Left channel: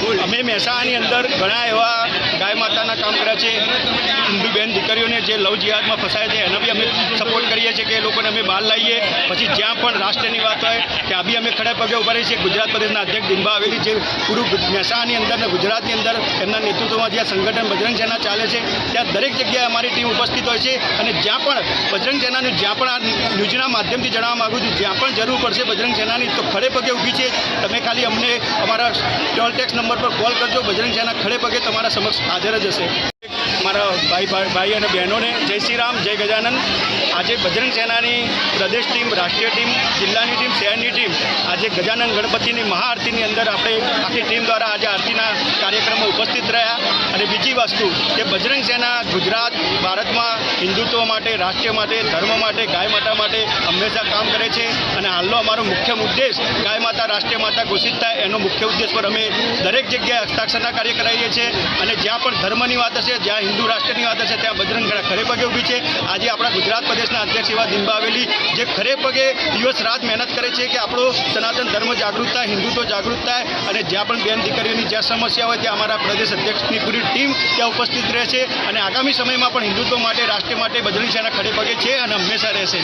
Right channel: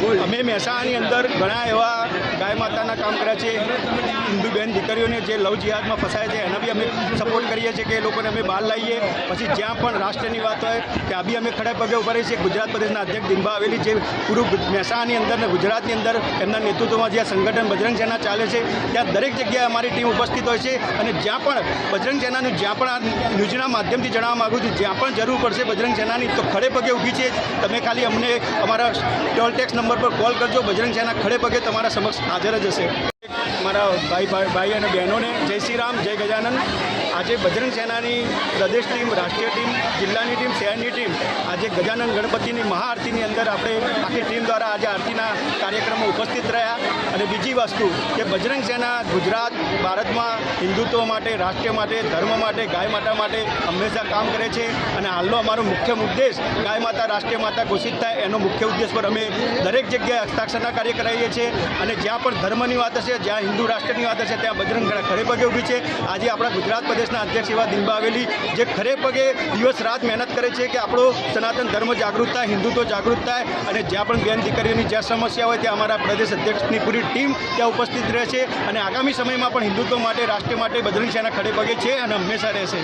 અમે મહેસાણાની અંદર ઘણા એવા ગાય માતાના કામ કર્યા છે। હિન્દુ બહેન દીકરીઓને જે લવ જિહાદમાં ફસાય છે એના બી અમે સપોર્ટ કરીએ છીએ કે એ લોકોને અમે બહાર લાવીએ। પછી જ્યાં પણ રાષ્ટ્રની વાત હોય ત્યાં બી અમે ખડે પગે ઉભા રહીએ છીએ। ગુજરાત પ્રદેશના અધ્યક્ષ દિનભા હવેલી જે પૂરું મહેસાણાની અંદર ને ગુજરાતની અંદર એમના નેતૃત્વમાં જ્યાં સંગઠન બજરંગ સેના ચાલે છે ત્યાં દરેક જગ્યાએ અમારી ટીમ ઉપસ્થિત હોય છે। અને જ્યાં પણ બજરંગ સેનાનું જ્યાં પણ આ ન્યૂઝના માધ્યમથી જણાવવા માગું છું જ્યાં પણ જરૂર પડશે બજરંગ સેનાની તો ખડે પગે ઊભી છે। તમે ખાલી અમને અમારા ટોલ ટેક્સ નંબર પર કોલ કરજો। બજરંગ સેના ખડે પગે તમારા સમક્ષ હાજર જ હશે। મારા ભાઈ અને બહેનોને જય શ્રી રામ, જય ગજાનન। આજે બજરંગ સેનાની પ્રદેશ ટીમ, રાષ્ટ્રીય ટીમ, જિલ્લાની ટીમ, શહેરની ટીમ આજે ગજાનન ગણપતિની મહાઆરતીની અંદર આપણે આખી ટીમ દ્વારા આજે આરતીના કાર્યક્રમમાં ઉપસ્થિત રહ્યા। અને બીજી વસ્તુ કે બજરંગ સેના ગુજરાત ભારતમાં હિન્દુત્વ માટે, રાષ્ટ્ર માટે, ધર્મ માટે, ગાય માતા માટે હંમેશા કામ કરે છે। અને હાલનો અમારો મુખ્ય ઉદ્દેશ ગાય માતા રાષ્ટ્રીય માતા ઘોષિત થાય એનો મુખ્ય ઉદ્દેશ પર અમે દરેક જગ્યાએ હસ્તાક્ષરના કાર્ય કરાવીએ છીએ। અને જ્યાં પણ ધર્મની વાત હશે, જ્યાં હિન્દુ રાષ્ટ્રની વાત હશે ત્યાં બજરંગ સેના ખડે પગે ઊભી છે। આજે આપણા ગુજરાત પ્રદેશના અધ્યક્ષ એવા દિનભા હવેલી જે ખડે પગે દિવસ રાત મહેનત કરે છે કે આપણો સનાતન ધર્મ જાગૃત થાય, હિન્દુત્વ જાગૃત થાય। અને જ્યાં પણ બેન દીકરીઓની જ્યાં સમસ્યા હોય ત્યાં અમારા પ્રદેશ અધ્યક્ષની પૂરી ટીમ ત્યાં ઉપસ્થિત રહે છે। અને આગામી સમયમાં પણ હિન્દુત્વ માટે, રાષ્ટ્ર માટે બજરંગ સેના ખડે પગે છે અને હંમેશા રહેશે।